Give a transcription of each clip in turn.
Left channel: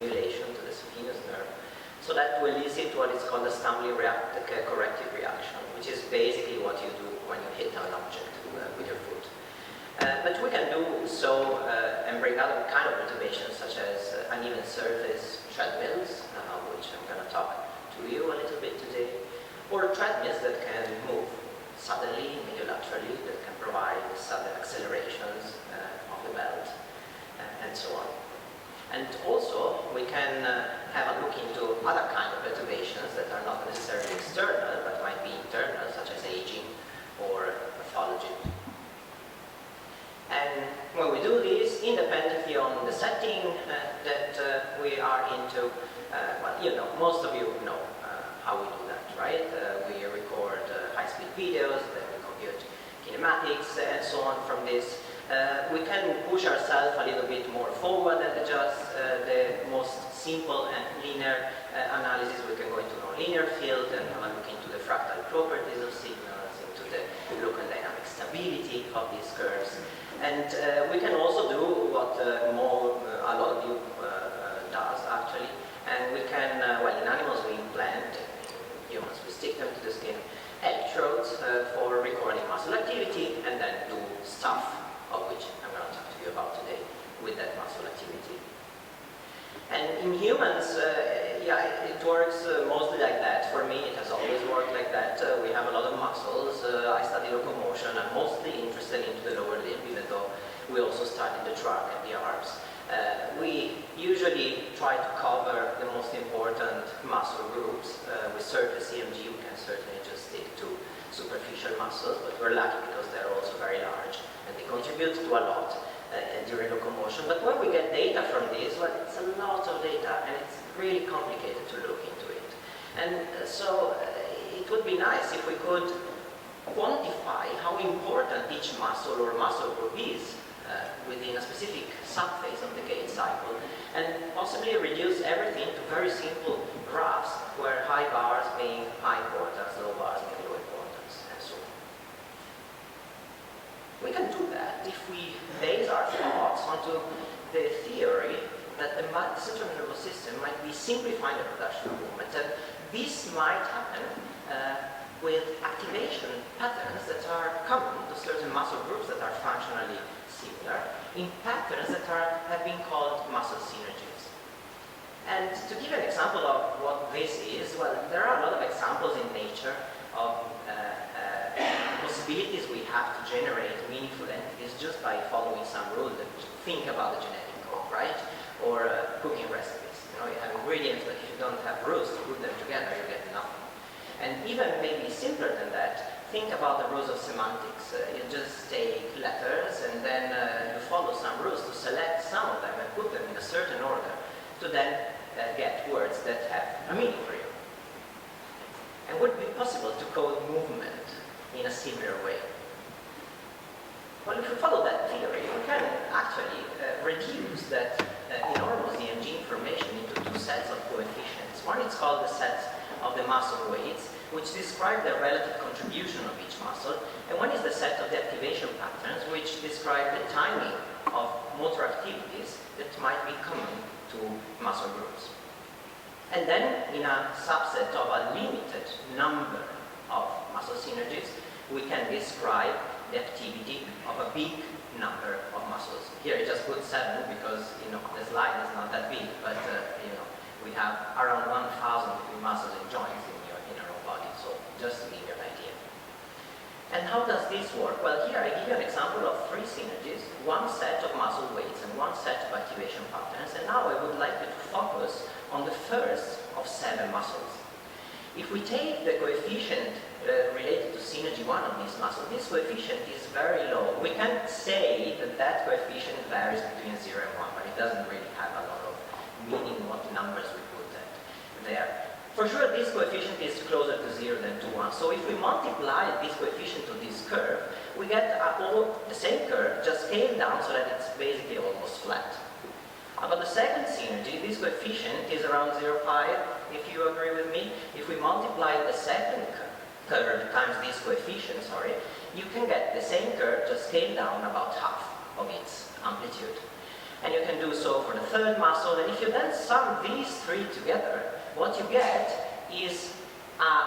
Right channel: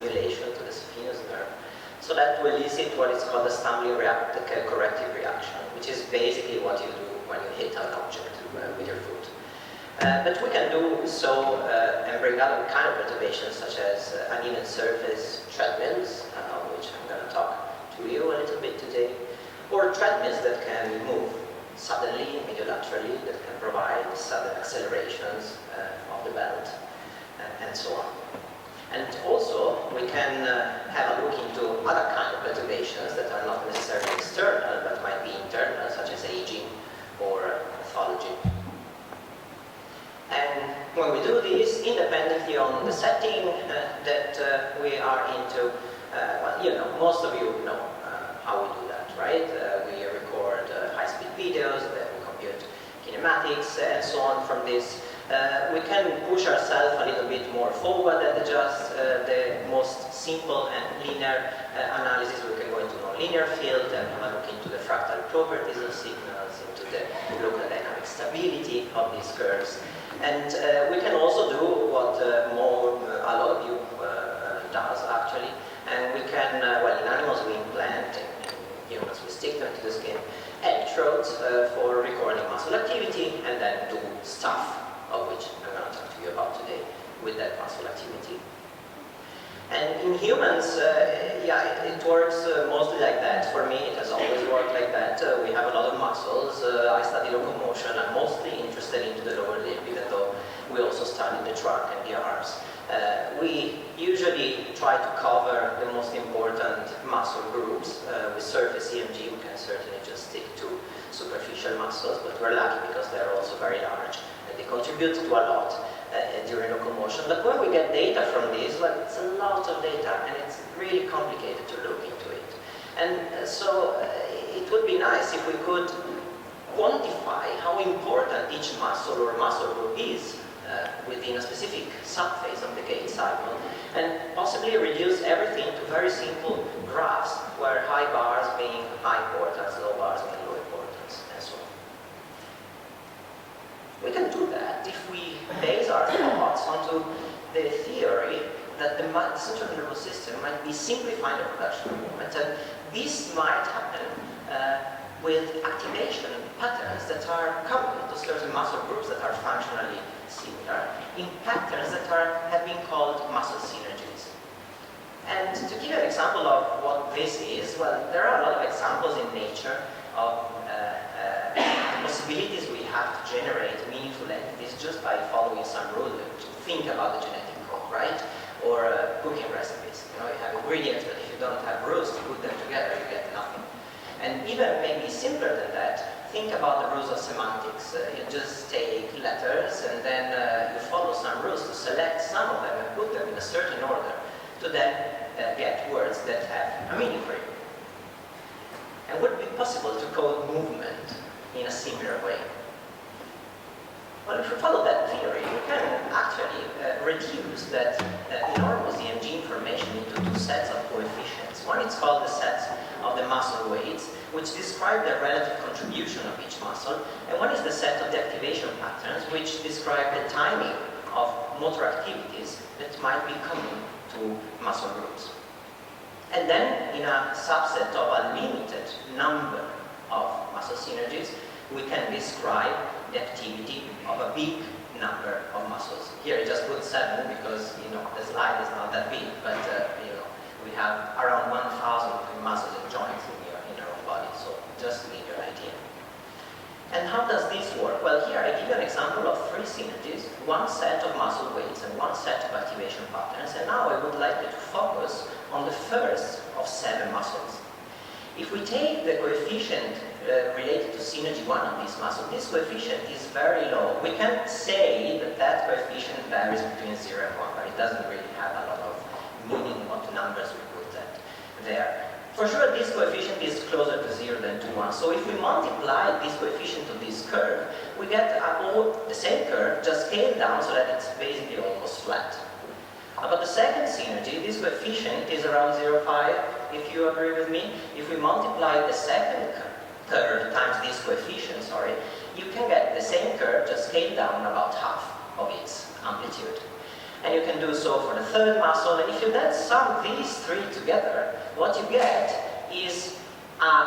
stimulation to the saphenous nerve. So that will elicit what is called a stimuli corrective reaction, which is basically what you do when you hit an object with your foot. But we can do so and bring other kind of perturbations, such as uneven surface treadmills, which I'm going to talk to you a little bit today, or treadmills that can move suddenly, mediolaterally, that can provide sudden accelerations of the belt, and so on. And also, we can have a look into other kind of perturbations that are not necessarily external, but might be internal, such as aging or pathology. And when we do this, independently on the setting that we are into, well, you know, most of you know how we do that, right? We record high-speed videos, then we compute kinematics, and so on from this. We can push ourselves a little bit more forward and adjust the most simple and linear analysis. We can go into nonlinear field and have a look into the fractal properties of signals, into the local dynamic stability of these curves. And we can also do what a lot of you does actually. And we can, well, in animals we implant, in humans we stick them to the skin, electrodes for recording muscle activity, and then do stuff, of which I'm going to talk to you about today, with that muscle activity. And in humans, yeah, it works mostly like that. For me, it has always worked like that. We have a lot of muscles. I study locomotion. I'm mostly interested into the lower limb, even though we also study the trunk and the arms. We usually try to cover the most important muscle groups. With surface EMG, we can certainly just stick to superficial muscles, but we're lucky because they're also very large. They contribute to a lot during locomotion. But when we get data from these, well, it's a lot of data, and it's really complicated to look into it. And so it would be nice if we could quantify how important each muscle or muscle group is within a specific subphase of the gait cycle, and possibly reduce everything to very simple graphs, where high bars being high cortex, low bars being low cortex, and so on. We can do that if we base our thoughts onto the theory that the central nervous system might be simplifying the production of movement, and this might happen with activation patterns that are common to certain muscle groups that are functionally similar, in patterns that have been called muscle synergies. And to give an example of what this is, well, there are a lot of examples in nature of possibilities we have to generate meaningful entities just by following some rules. Think about the genetic code, right? Or cooking recipes. You know, you have ingredients, but if you don't have rules to put them together, you get nothing. And even maybe simpler than that, think about the rules of semantics. You just take letters and then you follow some rules to select some of them and put them in a certain order to then get words that have a meaning for you. And would it be possible to code movement in a similar way? Well, if you follow that theory, you can actually reduce that enormous EMG information into two sets of coefficients. One is called the set of the muscle weights, which describe the relative contribution of each muscle, and one is the set of the activation patterns, which describe the timing of motor activities that might be common to muscle groups. And then, in a subset of a limited number of muscle synergies, we can describe the activity of a big number of muscles. Here I just put 7 because, you know, the slide is not that big, but you know, we have around 1,000 muscles and joints in our own body, so just to give you an idea. And how does this work? Well, here I give you an example of 3 synergies, one set of muscle weights and one set of activation patterns, and now I would like you to focus on the first of 7 muscles. If we take the coefficient related to synergy 1 of this muscle, this coefficient is very low. We can't say that that coefficient varies between 0 and 1, but it doesn't really have a lot of meaning what numbers we put there. For sure, this coefficient is closer to 0 than to 1. So if we multiply this coefficient to this curve, we get the same curve, just scaled down so that it's basically almost flat. About the second synergy, this coefficient is around 0.5, if you agree with me. If we multiply the third times this coefficient, you can get the same curve, just scaled down about half of its amplitude. And you can do so for the third muscle. And if you then sum these three together, what you get is a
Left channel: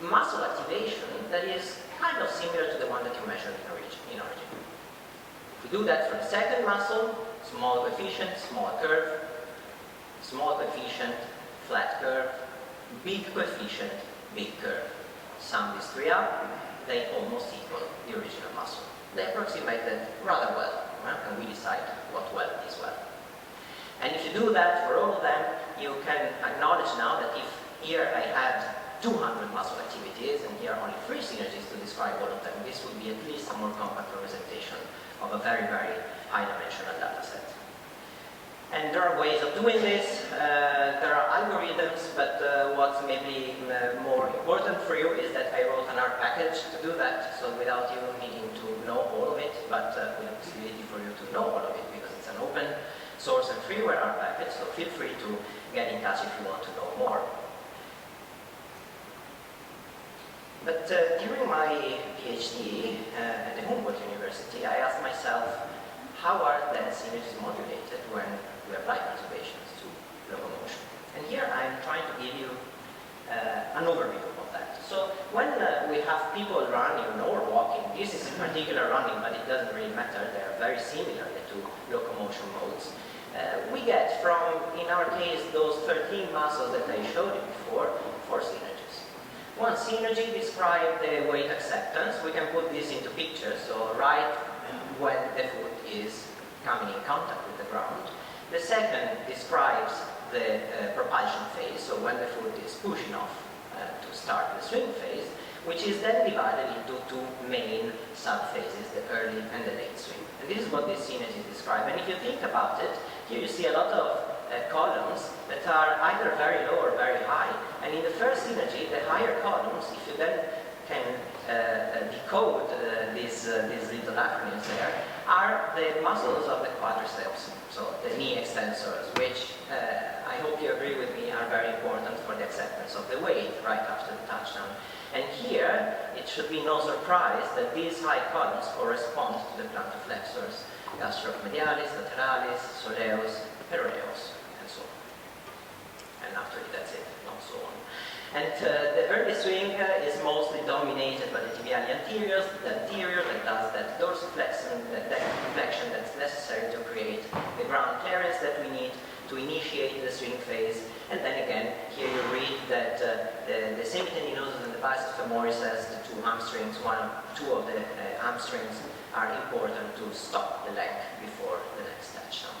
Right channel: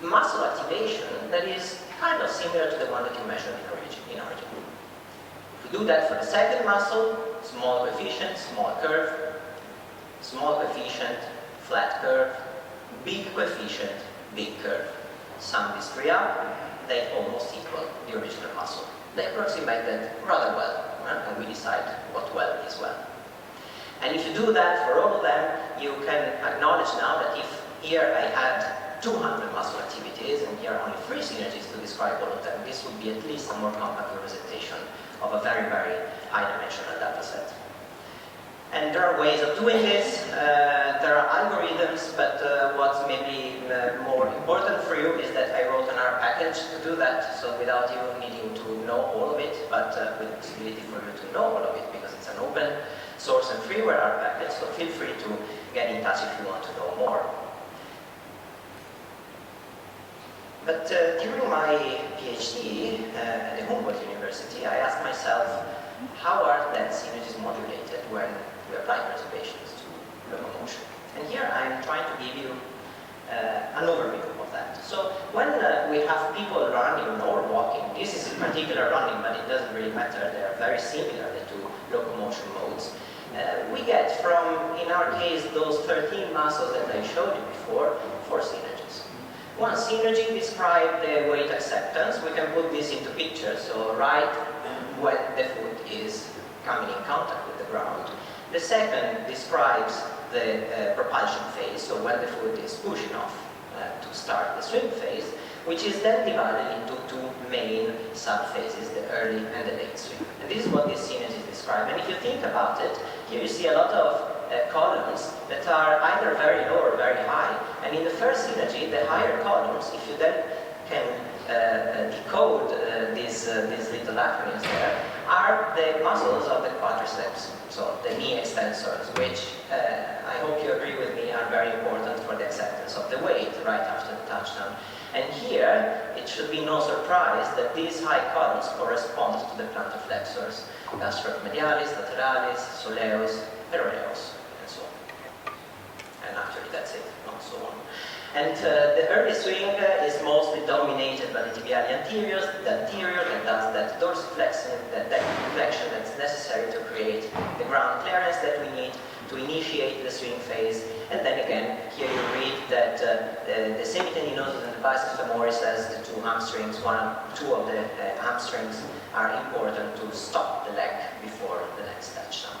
muscle activation that is kind of similar to the one that you measured in origin. If we do that for the second muscle, small coefficient, small curve, small coefficient, flat curve, big coefficient, big curve. Sum these three up, they almost equal the original muscle. They approximate that rather well, right? And we decide what well is well. And if you do that for all of them, you can acknowledge now that if here I had 200 muscle activities and here only 3 synergies to describe all of them, this would be at least a more compact representation of a very, very high-dimensional data set. And there are ways of doing this. There are algorithms, but what's maybe more important for you is that I wrote an R package to do that, so without you needing to know all of it, but with the possibility for you to know all of it, because it's an open source and freeware R package, so feel free to get in touch if you want to know more. But during my PhD at the Università, I asked myself, how are then synergies modulated when we apply perturbations to locomotion? And here I'm trying to give you an overview of that. So when we have people running or walking, this is in particular running, but it doesn't really matter, they are very similar to locomotion modes. We get from, in our case, those 13 muscles that I showed you before, 4 synergies. One synergy describes the weight acceptance. We can put this into pictures, so right when the foot is coming in contact with the ground. The second describes the propulsion phase, so when the foot is pushing off to start the swing phase, which is then divided into 2 main sub-phases, the early and the late swing. And this is what these synergies describe. And if you think about it, here you see a lot of columns that are either very low or very high. And in the first synergy, the higher columns, if you then can decode these little acronyms there, are the muscles of the quadriceps, so the knee extensors, which I hope you agree with me are very important for the acceptance of the weight right after the touchdown. And here, it should be no surprise that these high columns correspond to the plantar flexors, gastromedialis, lateralis, soleus, peroneus, and so on. And actually that's it, not so on. And the early swing is mostly dominated by the tibiali anteriors, the anterior that does that dorsiflexion, that inflection that's necessary to create the ground clearance that we need to initiate the swing phase. And then again, here you read that the semitendinosus and the biceps femoris as the 2 hamstrings, 2 of the hamstrings are important to stop the leg before the next touchdown.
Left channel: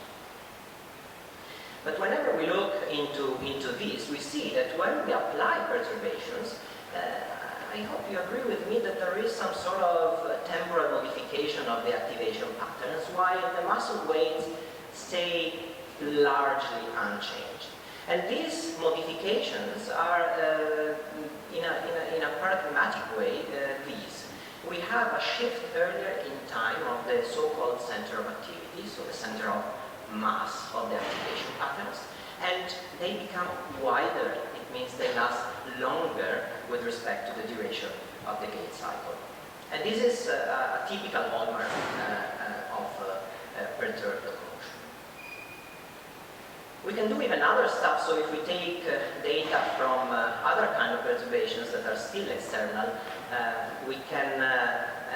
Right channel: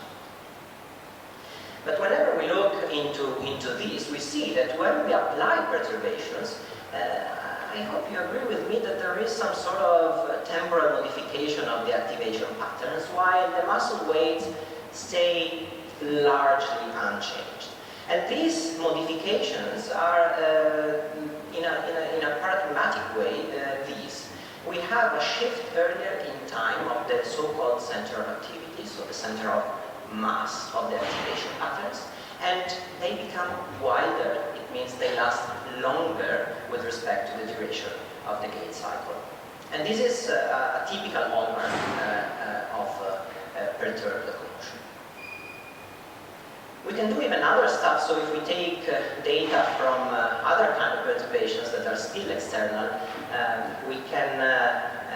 But whenever we look into this, we see that when we apply perturbations, I hope you agree with me that there is some sort of temporal modification of the activation patterns, while the muscle weights stay largely unchanged. And these modifications are, in a paradigmatic way, these. We have a shift earlier in time of the so-called center of activity, so the center of mass of the activation patterns, and they become wider. It means they last longer with respect to the duration of the gait cycle. And this is a typical hallmark of perturbed locomotion. We can do even other stuff, so if we take data from other kind of perturbations that are still external, we can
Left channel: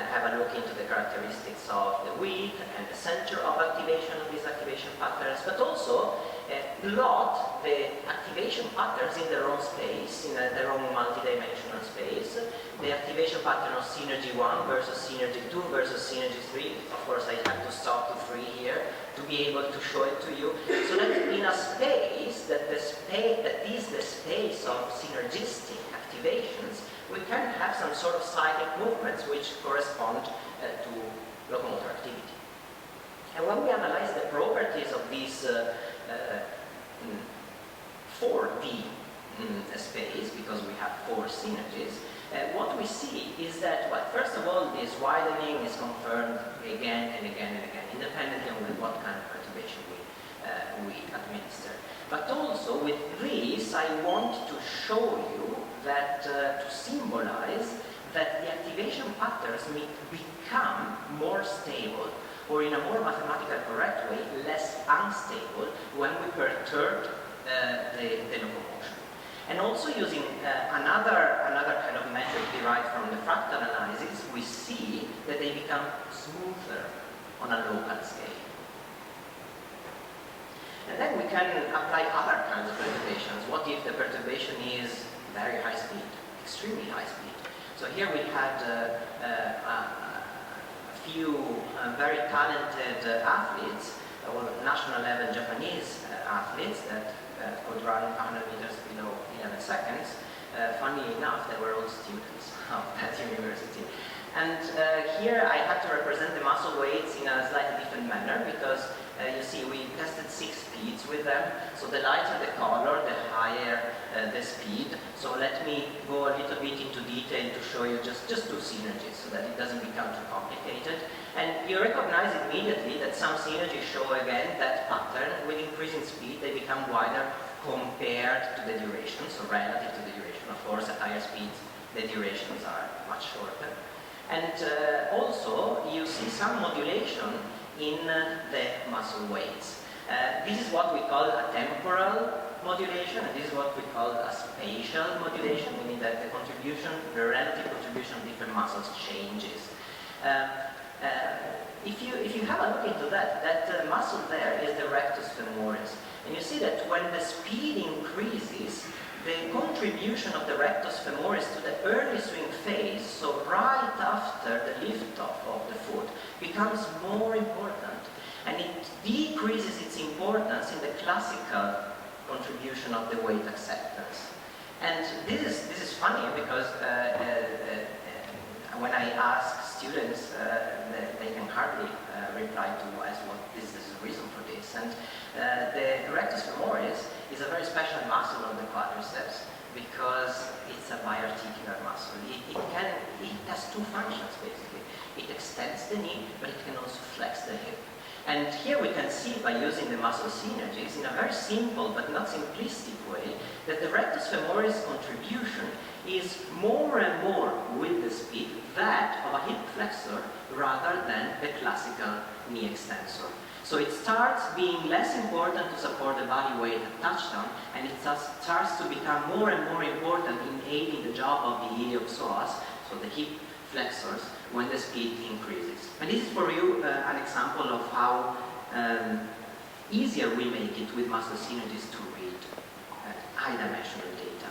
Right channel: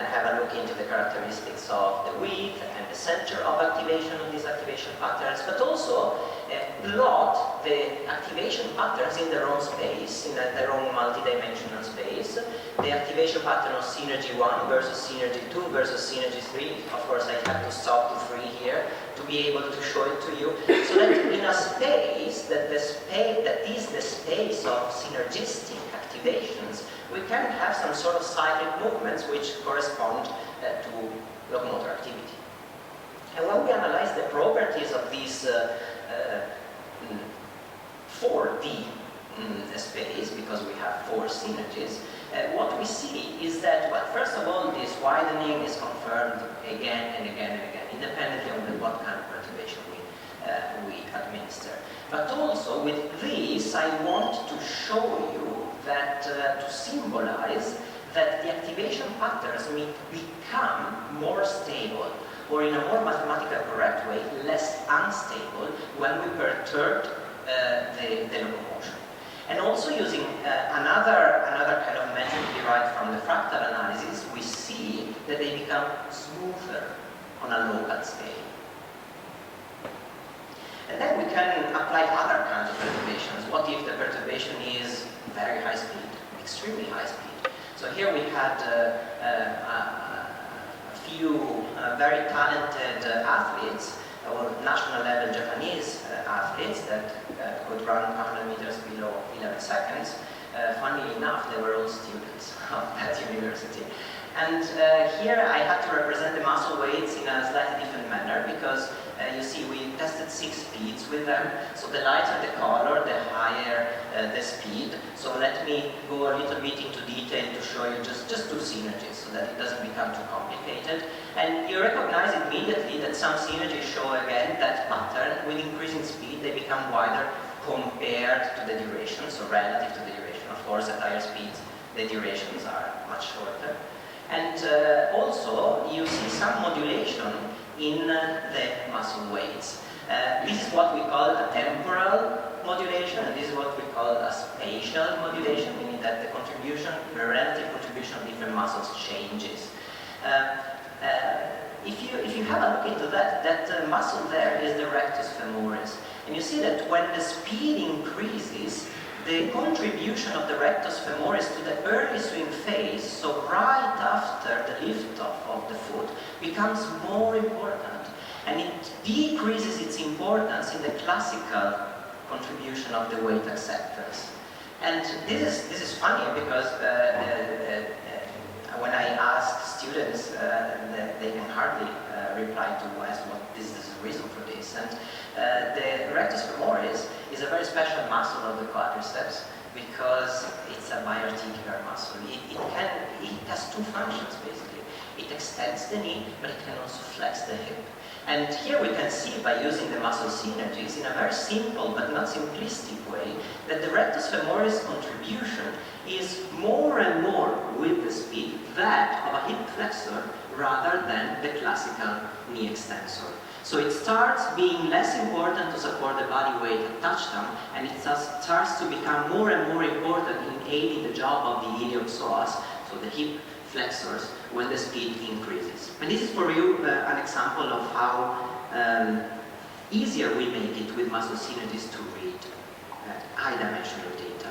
have a look into the characteristics of the width and the center of activation of these activation patterns, but also plot the activation patterns in their own space, in their own multidimensional space. The activation pattern of synergy 1 versus synergy 2 versus synergy 3. Of course, I have to stop to 3 here to be able to show it to you. So that in a space that is the space of synergistic activations, we can have some sort of cyclic movements which correspond to locomotor activity. And when we analyze the properties of these 4D space, because we have 4 synergies, what we see is that, well, first of all, this widening is confirmed again and again and again, independently of what kind of perturbation we administer. But also with this, I want to show you that, to symbolize that the activation patterns may become more stable or in a more mathematically correct way, less unstable when we perturb the locomotion. And also using another kind of method derived from the fractal analysis, we see that they become smoother on a local scale. And then we can apply other kinds of perturbations. What if the perturbation is very high speed, extremely high speed? So here we had a few very talented athletes, or national level Japanese athletes that could run 100 meters below 11 seconds. Funnily enough, they were all students of that university. And here I had to represent the muscle weights in a slightly different manner because you see we tested 6 speeds with them. So the lighter the color, the higher the speed. So let me go a little bit into detail to show you just 2 synergies so that it doesn't become too complicated. And you recognize immediately that some synergies show again that pattern. With increasing speed they become wider compared to the duration, so relative to the duration. Of course at higher speeds the durations are much shorter. And also you see some modulation in the muscle weights. This is what we call a temporal modulation, and this is what we call a spatial modulation, meaning that the contribution, the relative contribution of different muscles changes. If you have a look into that muscle there is the rectus femoris. And you see that when the speed increases, the contribution of the rectus femoris to the early swing phase, so right after the lift-off of the foot, becomes more important. And it decreases its importance in the classical contribution of the weight acceptors. And this is funny because when I ask students, they can hardly reply to ask what is the reason for this. And the rectus femoris is a very special muscle of the quadriceps because it's a biarticular muscle. It has 2 functions basically. It extends the knee, but it can also flex the hip. And here we can see by using the muscle synergies in a very simple but not simplistic way that the rectus femoris contribution is more and more with the speed that of a hip flexor rather than the classical knee extensor. So it starts being less important to support the body weight at touchdown, and it starts to become more and more important in aiding the job of the iliopsoas, so the hip flexors, when the speed increases. And this is for you an example of how easier we make it with muscle synergies to read high-dimensional data.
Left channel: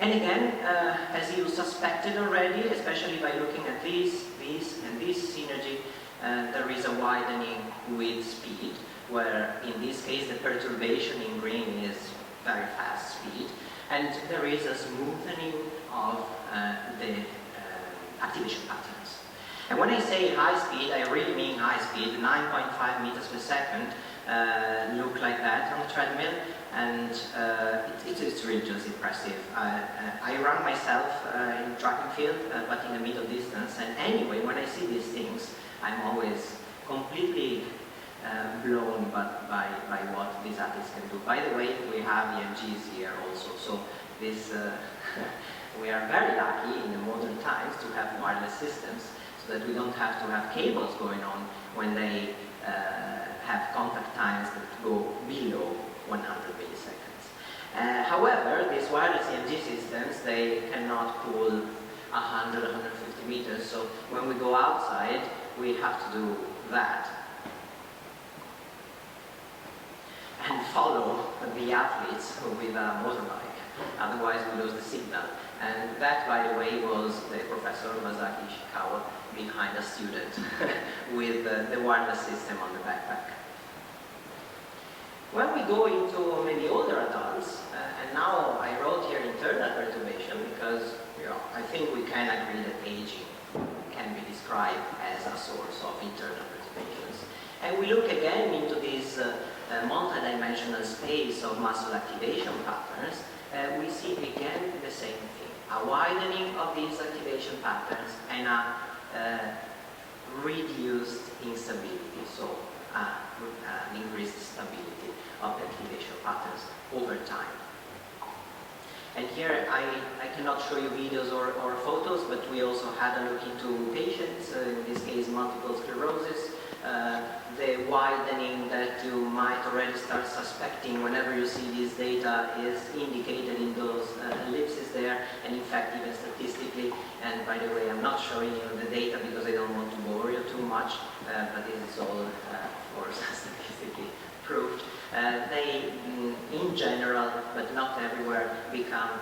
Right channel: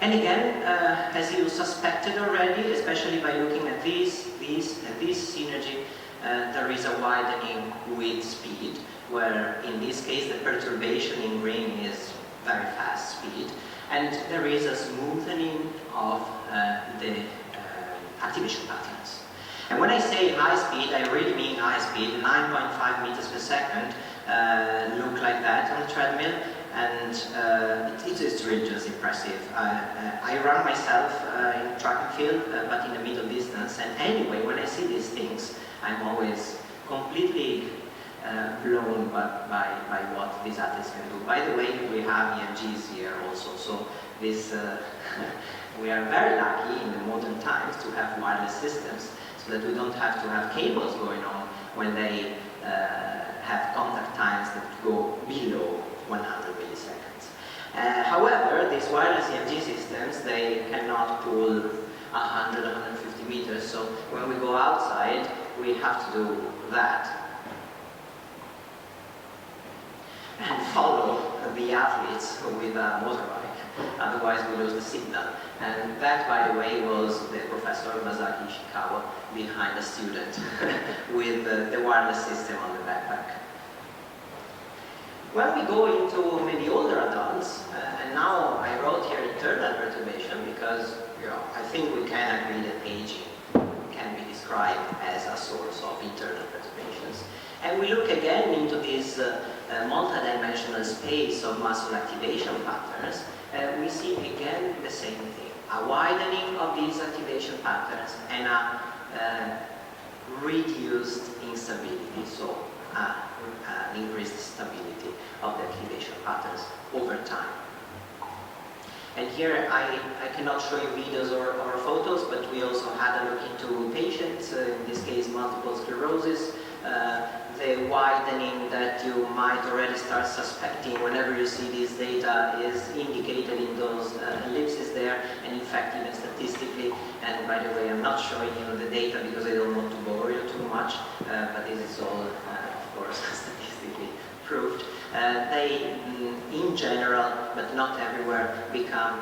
And again, as you suspected already, especially by looking at this synergy, there is a widening with speed, where in this case the perturbation in green is very fast speed, and there is a smoothening of the activation patterns. And when I say high speed, I really mean high speed. 9.5 meters per second look like that on the treadmill, and it's really just impressive. I run myself in track and field, but in the middle distance, and anyway, when I see these things, I'm always completely blown by what these athletes can do. By the way, we have EMGs here also, so this we are very lucky in the modern times to have wireless systems, so that we don't have to have cables going on when they have contact times that go below 100 milliseconds. However, these wireless EMG systems, they cannot pull 100, 150 meters, so when we go outside, we have to do that and follow the athletes with a motorbike, otherwise we lose the signal. And that, by the way, was the professor Masaki Ishikawa behind a student with the wireless system on the backpack. When we go into maybe older adults, and now I wrote here internal perturbation because I think we can agree that aging can be described as a source of internal perturbations. And we look again into this multidimensional space of muscle activation patterns, we see again the same thing. A widening of these activation patterns and a reduced instability, so an increased stability of the activation patterns over time. And here I cannot show you videos or photos, but we also had a look into patients, in this case multiple sclerosis, the widening that you might already start suspecting whenever you see this data is indicated in those ellipses there, and in fact even statistically, and by the way I'm not showing you the data because I don't want to bore you too much, but this is all of course statistically proved. They, in general, but not everywhere, become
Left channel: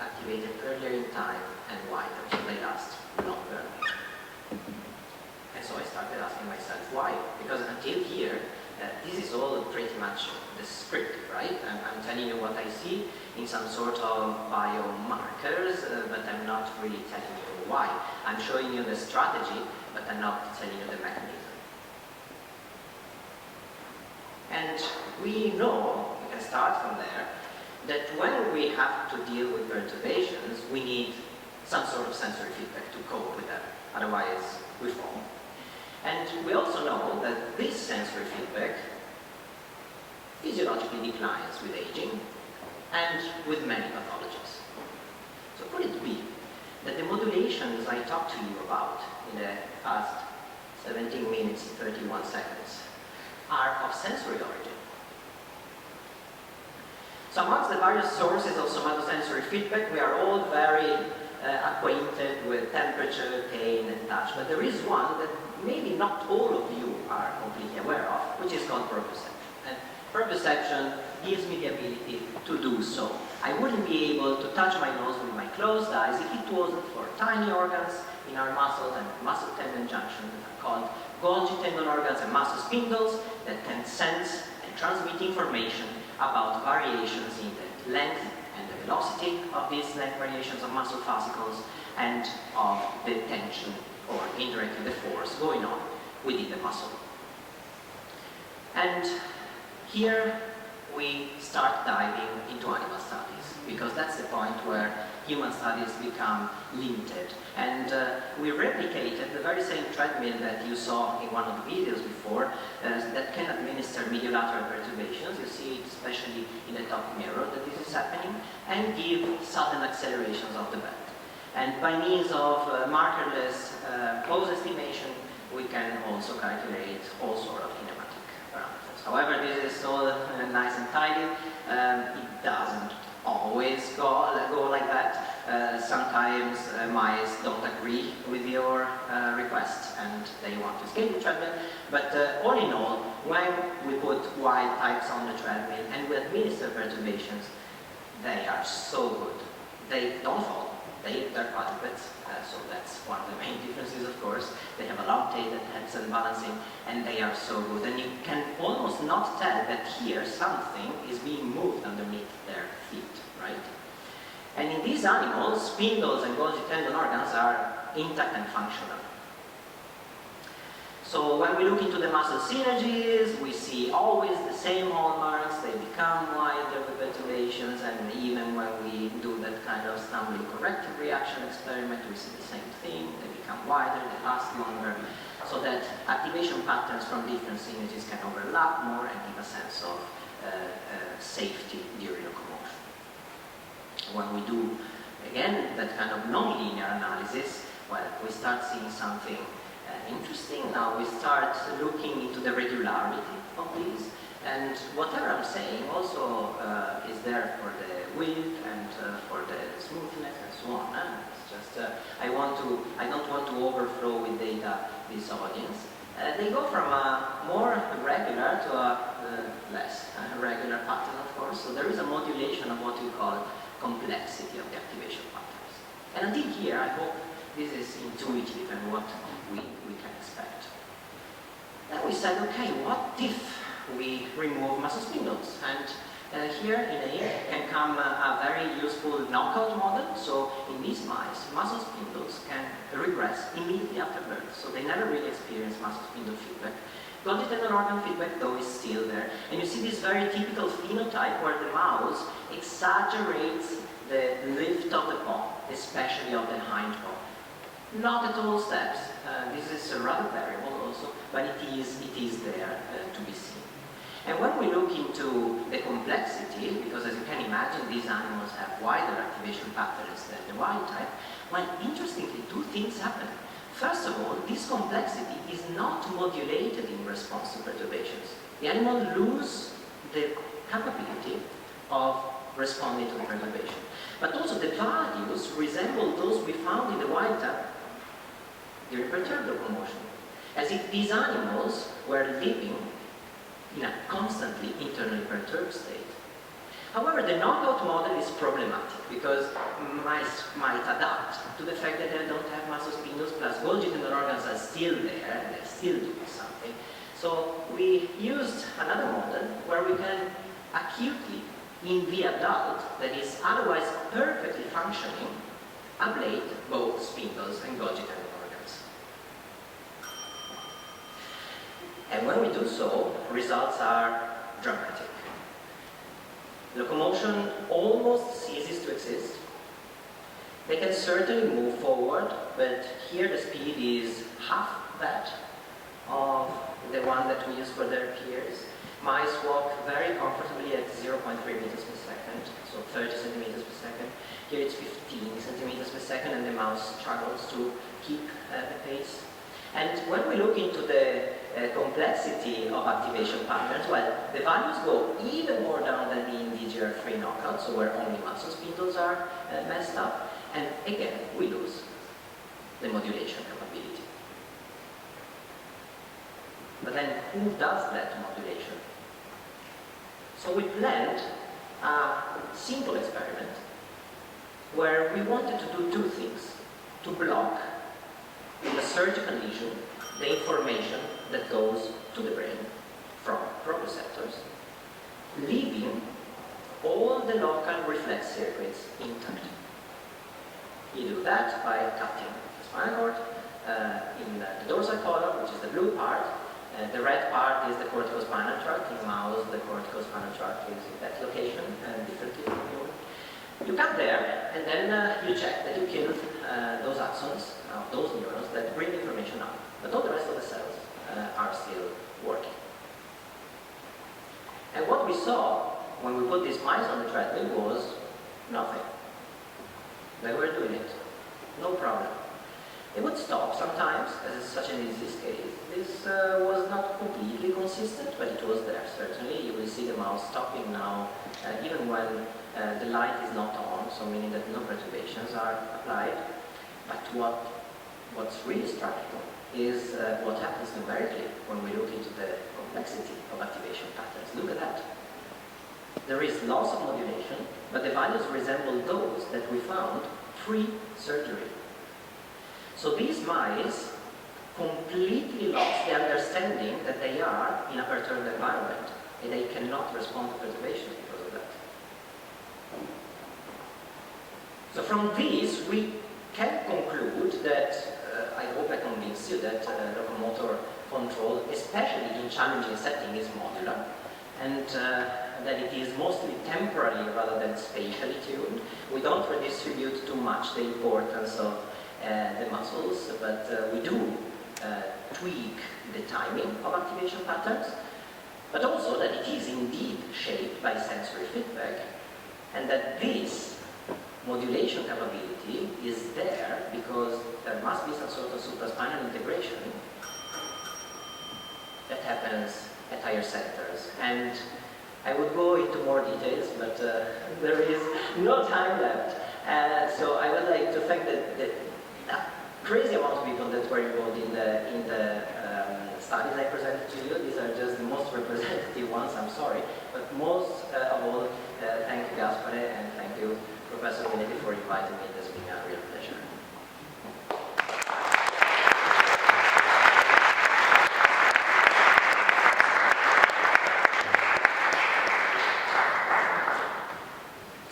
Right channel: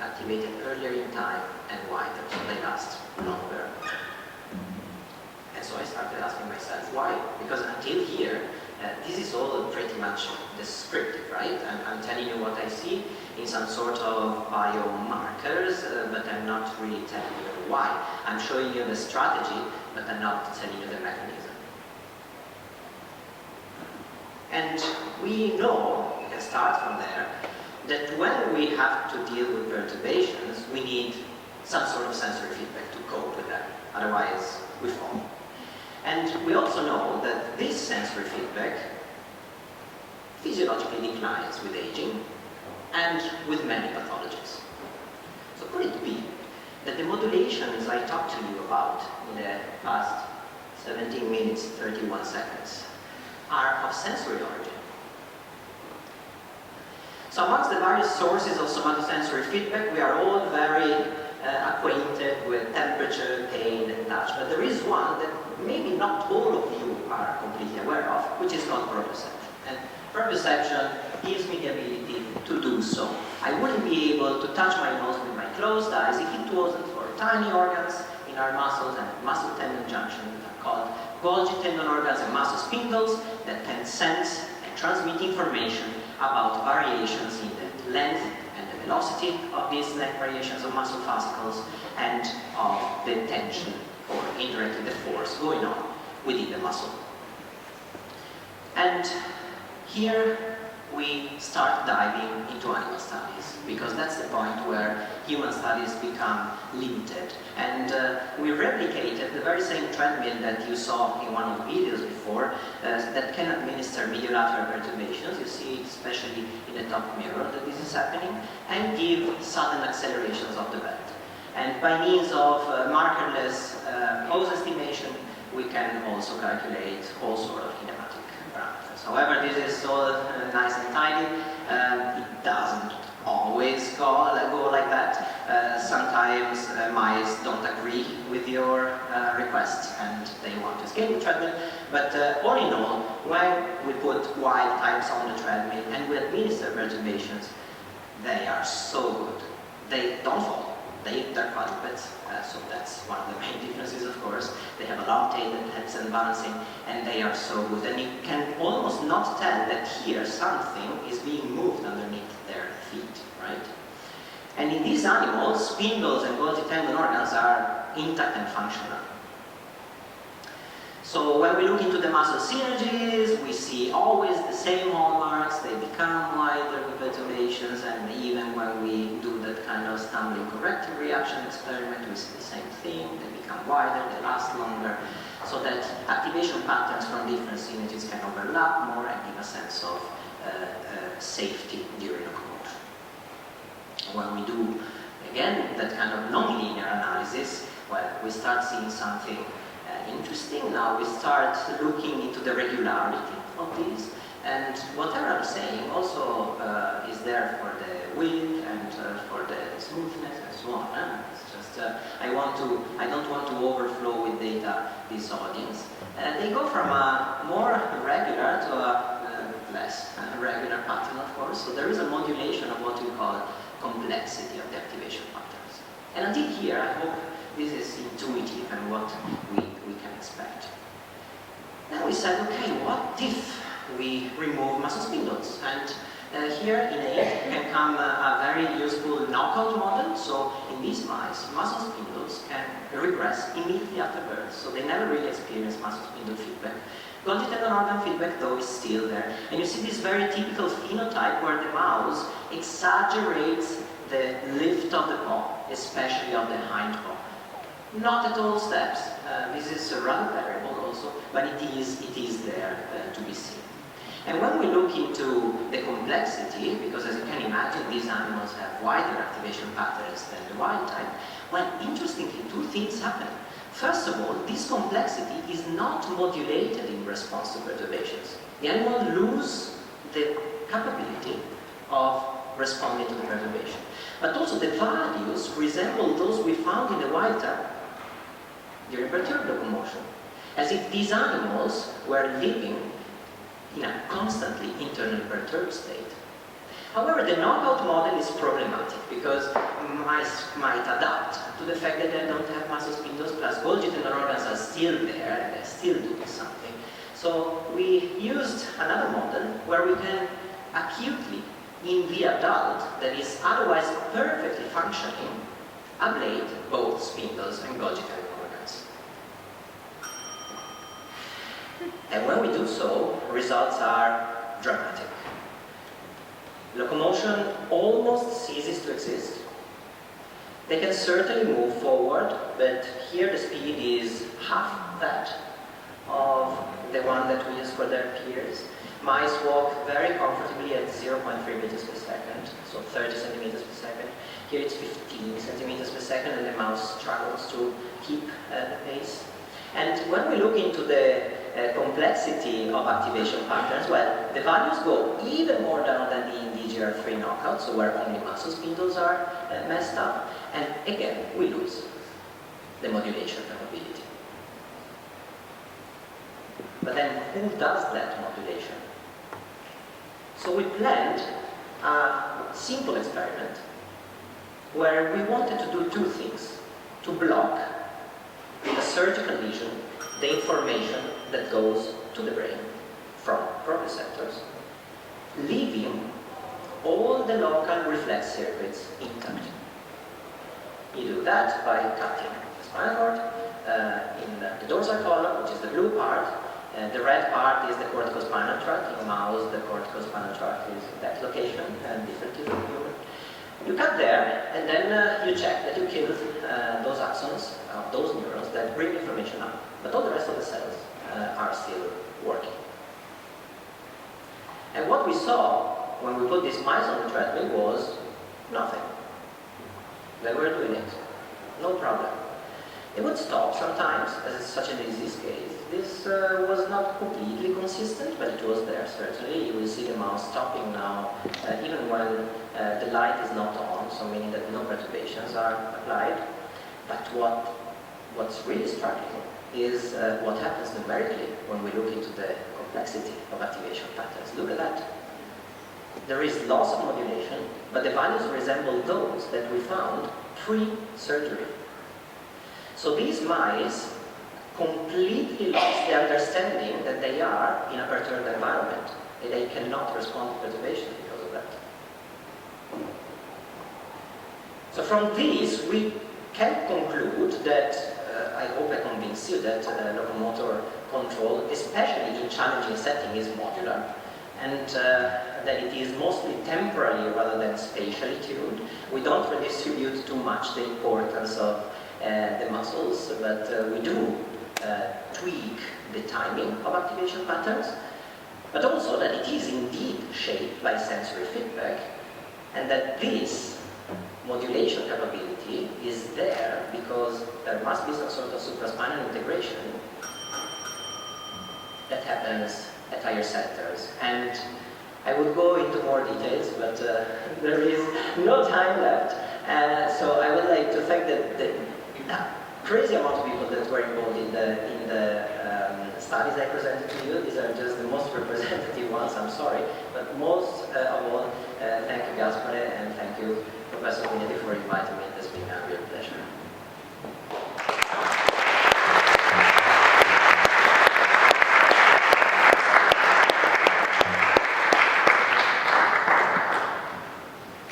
activated earlier in time and wider, so they last longer. And so I started asking myself, why? Because until here, this is all pretty much the script, right? I'm telling you what I see in some sort of biomarkers, but I'm not really telling you why. I'm showing you the strategy, but I'm not telling you the mechanism. And we know, we can start from there, that when we have to deal with perturbations, we need some sort of sensory feedback to cope with them, otherwise we fall. And we also know that this sensory feedback physiologically declines with aging and with many pathologies. So could it be that the modulations I talked to you about in the past 17 minutes, 31 seconds are of sensory origin? So amongst the various sources of somatosensory feedback, we are all very acquainted with temperature, pain, and touch. But there is one that maybe not all of you are completely aware of, which is called proprioception. And proprioception gives me the ability to do so. I wouldn't be able to touch my nose with my closed eyes if it wasn't for tiny organs in our muscles and muscle tendon junction called Golgi tendon organs and muscle spindles that can sense and transmit information about variations in the length and the velocity of these neck variations of muscle fascicles and of the tension or indirectly the force going on within the muscle. And here we start diving into animal studies, because that's the point where human studies become limited. And we replicated the very same treadmill that you saw in one of the videos before that can administer mediolateral perturbations. You see it especially in the top mirror that this is happening, and give sudden accelerations of the belt. And by means of markerless pose estimation, we can also calculate all sorts of kinematic parameters. However, this is all nice and tidy. It doesn't always go like that. Sometimes mice don't agree with your request and they want to escape the treadmill. But all in all, when we put wild types on the treadmill and we administer perturbations, they are so good. They don't fall. They're quadrupeds, so that's one of the main differences, of course. They have a long tail that helps them balancing, and they are so good. And you can almost not tell that here something is being moved underneath their feet, right? And in these animals, spindles and Golgi tendon organs are intact and functional. So when we look into the muscle synergies, we see always the same hallmarks. They become wider with perturbations, and even when we do that kind of stumbling corrective reaction experiment, we see the same thing. They become wider, they last longer, so that activation patterns from different synergies can overlap more and give a sense of safety during locomotion. When we do, again, that kind of non-linear analysis, well, we start seeing something interesting. Now we start looking into the regularity of these, and whatever I'm saying also is there for the width and for the smoothness and so on. It's just I don't want to overflow with data this audience. They go from a more regular to a less regular pattern, of course. So there is a modulation of what we call complexity of the activation patterns. And until here, I hope this is intuitive and what we can expect. Then we said, okay, what if we remove muscle spindles? And here in A can come a very useful knockout model. So in these mice, muscle spindles can regress immediately after birth. So they never really experience muscle spindle feedback. Golgi tendon organ feedback, though, is still there. And you see this very typical phenotype where the mouse exaggerates the lift of the paw, especially of the hind paw. Not at all steps. This is rather variable also, but it is there to be seen. And when we look into the complexity, because as you can imagine, these animals have wider activation patterns than the wild type? Well, interestingly, two things happen. First of all, this complexity is not modulated in response to perturbations. The animals lose the capability of responding to the perturbation. But also the values resemble those we found in the wild type during perturbed locomotion, as if these animals were living in a constantly internally perturbed state. However, the knockout model is problematic because mice might adapt to the fact that they don't have muscle spindles, plus Golgi tendon organs are still there and they're still doing something. So we used another model where we can acutely, in the adult that is otherwise perfectly functioning, ablate both spindles and Golgi tendon organs. And when we do so, results are dramatic. Locomotion almost ceases to exist. They can certainly move forward, but here the speed is half that of the one that we use for their peers. Mice walk very comfortably at 0.3 meters per second, so 30 centimeters per second. Here it's 15 centimeters per second, and the mouse struggles to keep the pace. And when we look into the complexity of activation patterns, well, the values go even more down than in DGR3 knockout, so where only muscle spindles are messed up, and again, we lose the modulation capability. But then, who does that modulation? So we planned a simple experiment where we wanted to do two things: to block with a surgical lesion the information that goes to the brain from proprioceptors, leaving all the local reflex circuits intact. You do that by cutting the spinal cord in the dorsal column, which is the blue part. The red part is the corticospinal tract. In mouse, the corticospinal tract is that location, differently from human. You cut there, and then you check that you killed those axons, those neurons that bring information up. But all the rest of the cells are still working. And what we saw when we put these mice on the treadmill was nothing. They were doing it, no problem. They would stop sometimes, as is such an disease case. This was not completely consistent, but it was there, certainly. You will see the mouse stopping now, even when the light is not on, so meaning that no perturbations are applied. But what's really striking is what happens numerically when we look into the complexity of activation patterns. Look at that. There is loss of modulation, but the values resemble those that we found pre-surgery. So these mice completely lost the understanding that they are in a perturbed environment, and they cannot respond to perturbation because of that. So from this, we can conclude that, I hope I convinced you that locomotor control, especially in challenging setting, is modular, and that it is mostly temporally rather than spatially tuned. We don't redistribute too much the importance of the muscles, but we do tweak the timing of activation patterns, but also that it is indeed shaped by sensory feedback, and that this modulation capability is there because there must be some sort of supraspinal integration that happens at higher centers. And I would go into more details, but there is no time left. So I would like to thank the crazy amount of people that were involved in the studies I presented to you. These are just the most representative ones, I'm sorry. But most of all, thank you, Gaspare, and thank you, Professor Minetti, for inviting me. It's been a real pleasure.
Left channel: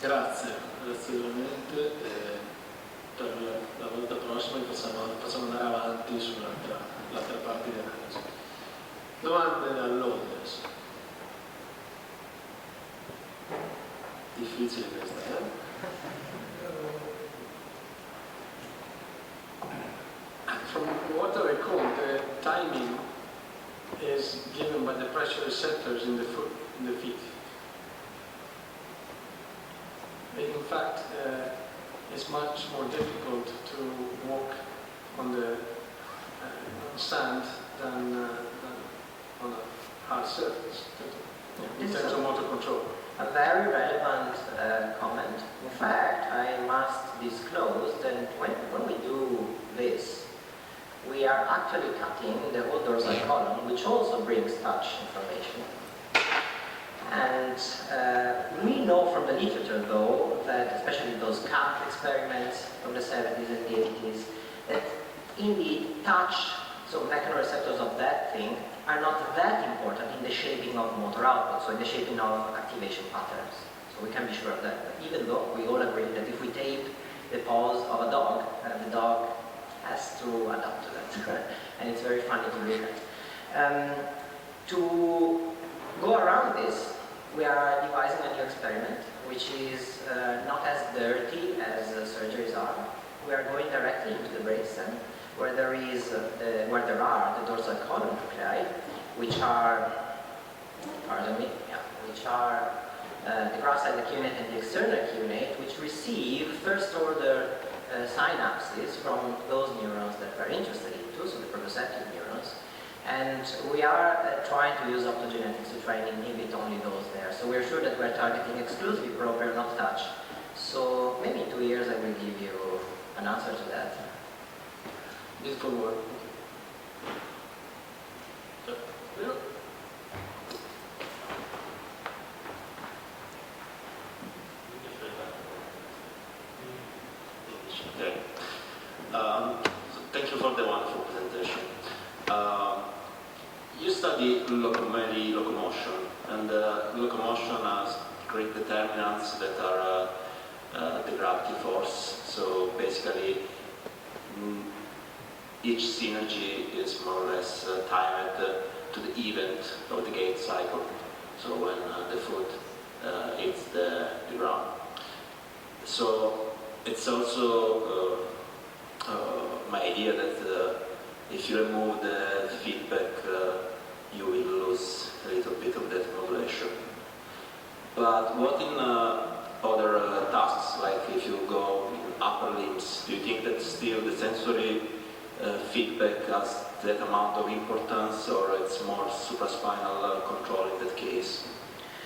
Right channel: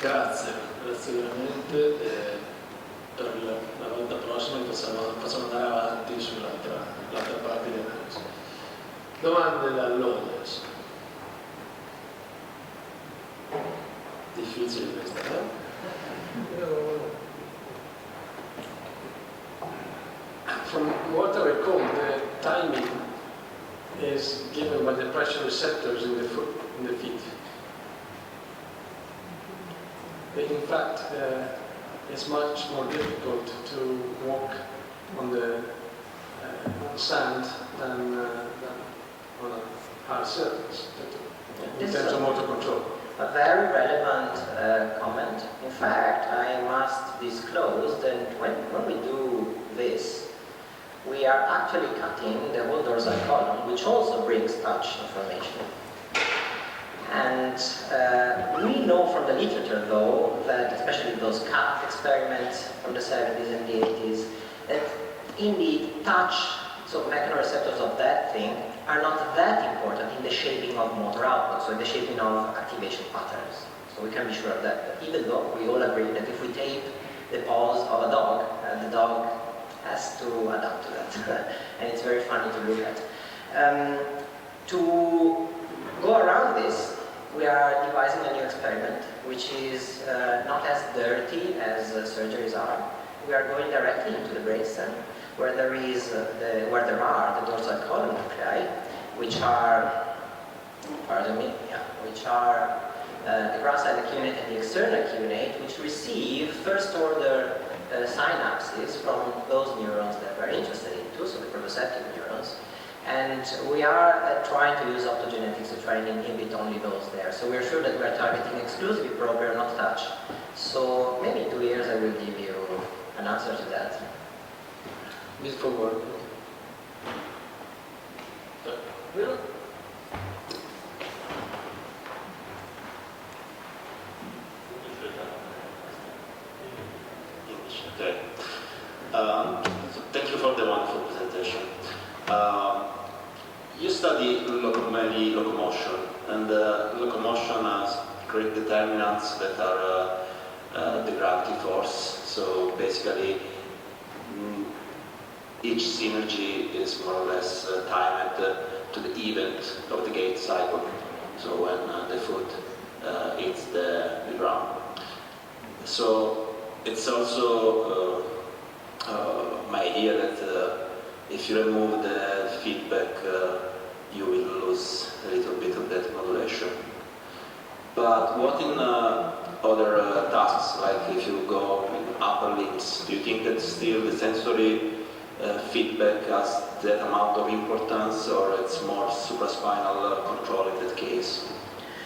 Grazie veramente. Per la volta prossima facciamo andare avanti sull'altra parte di analisi. Domande dall'audience. Difficile questa, eh? From what I recall, the timing is given by the pressure receptors in the foot, in the feet. In fact, it's much more difficult to walk on the sand than on a hard surface in terms of motor control. A very relevant comment. In fact, I must disclose that when we do this, we are actually cutting the whole dorsal column, which also brings touch information. And we know from the literature, though, that especially those cut experiments from the 70s and the 80s, that indeed touch, so mechanoreceptors of that thing, are not that important in the shaping of motor output, so in the shaping of activation patterns. So we can be sure of that. But even though we all agree that if we tape the paws of a dog, the dog has to adapt to that. And it's very funny to read that. To go around this, we are devising a new experiment, which is not as dirty as surgeries are. We are going directly into the brainstem, where there are the dorsal column nuclei, which are, the ground side acuminate and the external acuminate, which receive first order synapses from those neurons that we're interested into, so the proprioceptive neurons. And we are trying to use optogenetics to try and inhibit only those there. So we're sure that we're targeting exclusively proper, not touch. So maybe in 2 years I will give you an answer to that. Beautiful work. Okay. Thank you for the wonderful presentation. You study locomotion, and locomotion has great determinants that are the gravity force. So basically, each synergy is more or less timed to the event of the gate cycle. So when the foot hits the ground. So it's also my idea that if you remove the feedback, you will lose a little bit of that modulation. But what in other tasks, like if you go in upper limbs, do you think that still the sensory feedback has that amount of importance, or it's more supraspinal control in that case?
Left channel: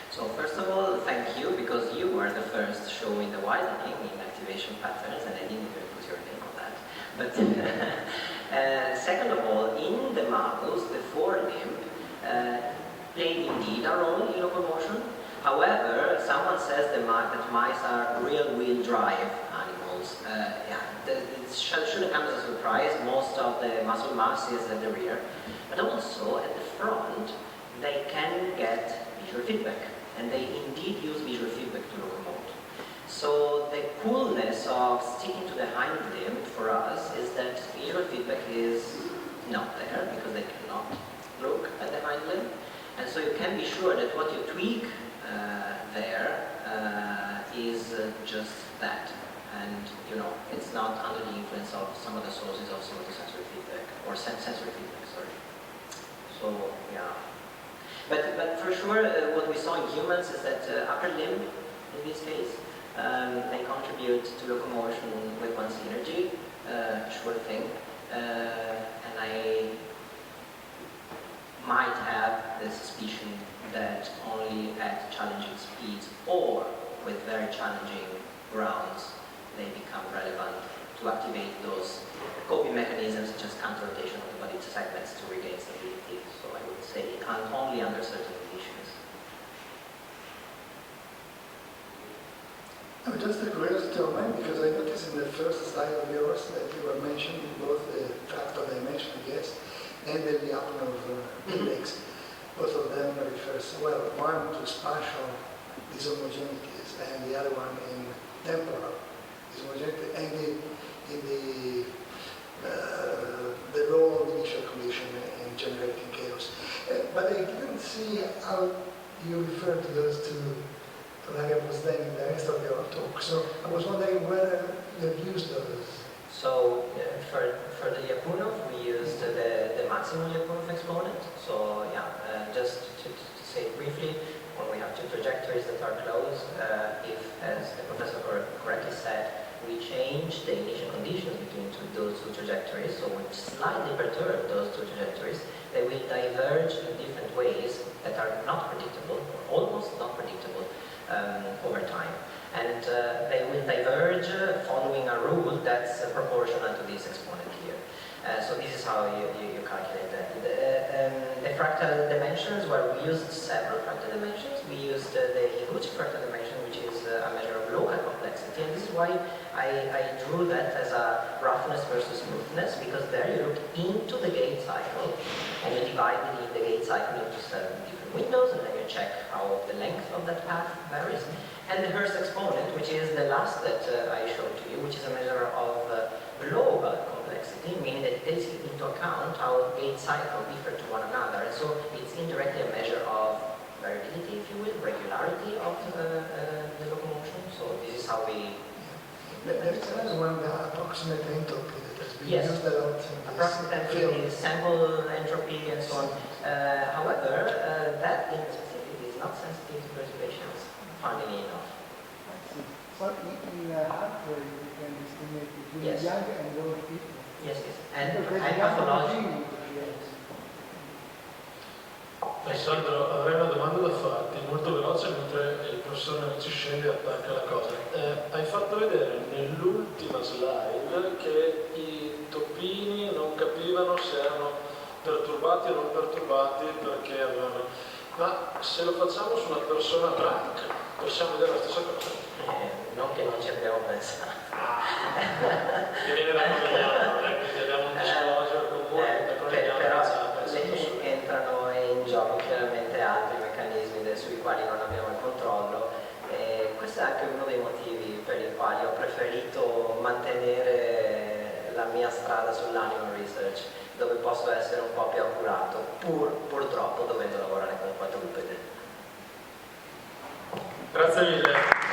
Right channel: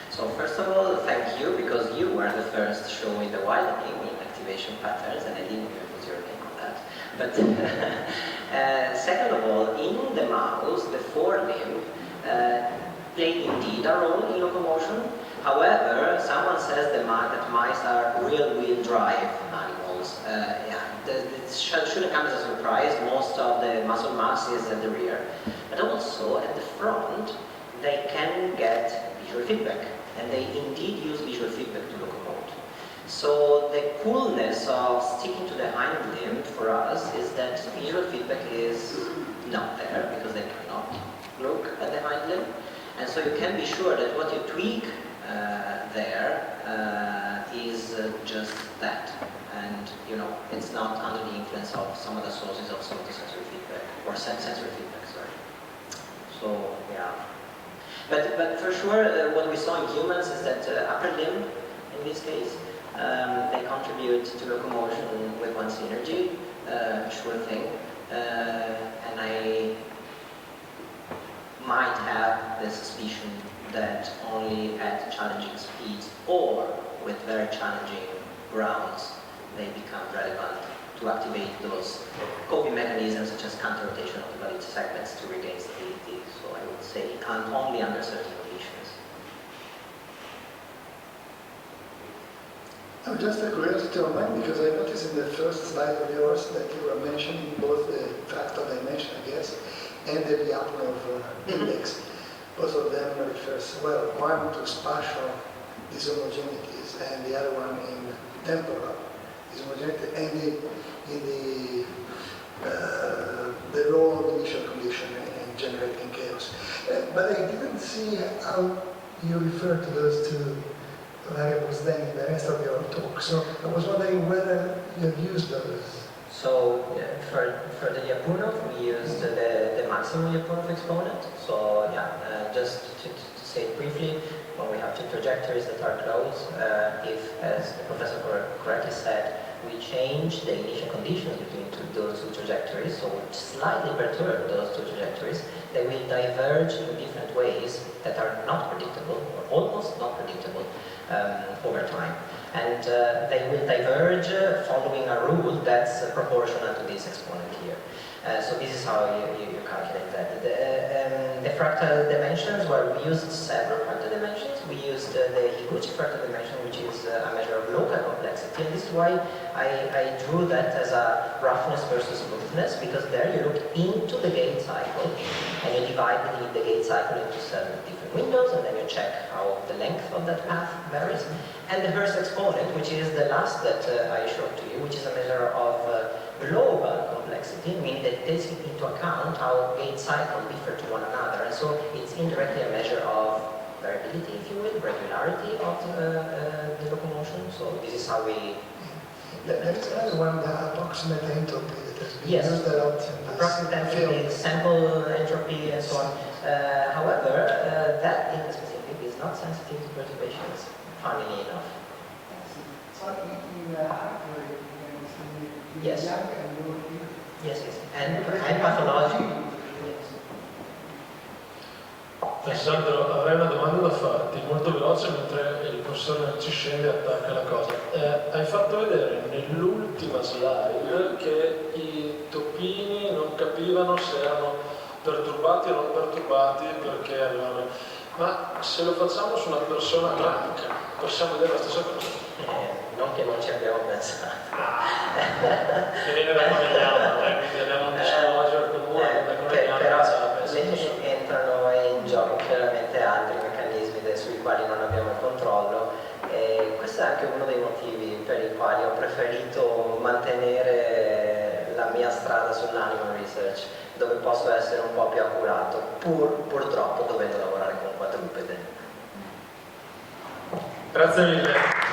So first of all, thank you, because you were the first to show me the widening in activation patterns, and I didn't even put your name on that. But second of all, in the mouse, the forelimb played indeed a role in locomotion. However, someone says that mice are rear-wheel drive animals. It shouldn't come as a surprise. Most of the muscle mass is at the rear. But also, at the front, they can get visual feedback. And they indeed use visual feedback to locomote. So the coolness of sticking to the hind limb for us is that visual feedback is not there, because they cannot look at the hind limb. And so you can be sure that what you tweak there is just that. And it's not under the influence of some of the sources of somatosensory feedback, or sensory feedback, sorry. So, yeah. But for sure, what we saw in humans is that upper limb, in this case, they contribute to locomotion with one synergy, sure thing. And I might have the suspicion that only at challenging speeds or with very challenging grounds they become relevant to activate those coping mechanisms such as counter-rotation of the body segments to regain stability. So I would say only under certain conditions. Just a curiosity on mine, because I noticed in the first slide of yours that you were mentioning both the factor dimension, I guess, and the diagonal of index. Both of them refers, well, one to spatial dishomogeneities and the other one in temporal dishomogeneity, and in the role of initial condition in generating chaos. But I didn't see how you refer to those two variables then in the rest of your talk. So I was wondering whether you've used those. So for the Lyapunov, we used the maximum Lyapunov exponent. So yeah, just to say it briefly, when we have two trajectories that are close, if, as the professor change the initial conditions between those two trajectories, so slightly perturb those two trajectories, they will diverge in different ways that are not predictable, or almost not predictable, over time. And they will diverge following a rule that's proportional to this exponent here. So this is how you calculate that. The fractal dimensions, well, we used several fractal dimensions. We used the huge fractal dimension, which is a measure of local complexity. And this is why I drew that as a roughness versus smoothness, because there you look into the gate cycle, and you divide the gate cycle into 7 different windows, and then you check how the length of that path varies. And the Hertz exponent, which is the last that I showed to you, which is a measure of global complexity, meaning that it takes into account how gate cycles differ to one another. And so it's indirectly a measure of variability, if you will, regularity of the locomotion. So this is how we... There is another one, the approximate entropy that has been Yes. used a lot in this Approximate field. sample entropy and so on. However, that in specific is not sensitive to perturbations, funnily enough. So in hardware, you can estimate between Yes. young and old people. Yes, yes. And pathology. Alessandro, avrei una domanda da farti, molto veloce, mentre il professore ci scende e attacca la cosa. Hai fatto vedere nell'ultima slide che i topini non capivano se erano perturbati o non perturbati perché avevano... Ma se lo facciamo su una persona bianca, possiamo vedere la stessa cosa? Non che non ci abbiamo pensato. Che viene da Milan, quindi abbiamo un disclosure comune, Però entrano in gioco chiaramente altri meccanismi sui quali non abbiamo il controllo, e questo è anche uno dei motivi per i quali ho preferito mantenere la mia strada sull'animal research, dove posso essere un po' più accurato, purtroppo dovendo lavorare con 4 gruppi. Grazie mille.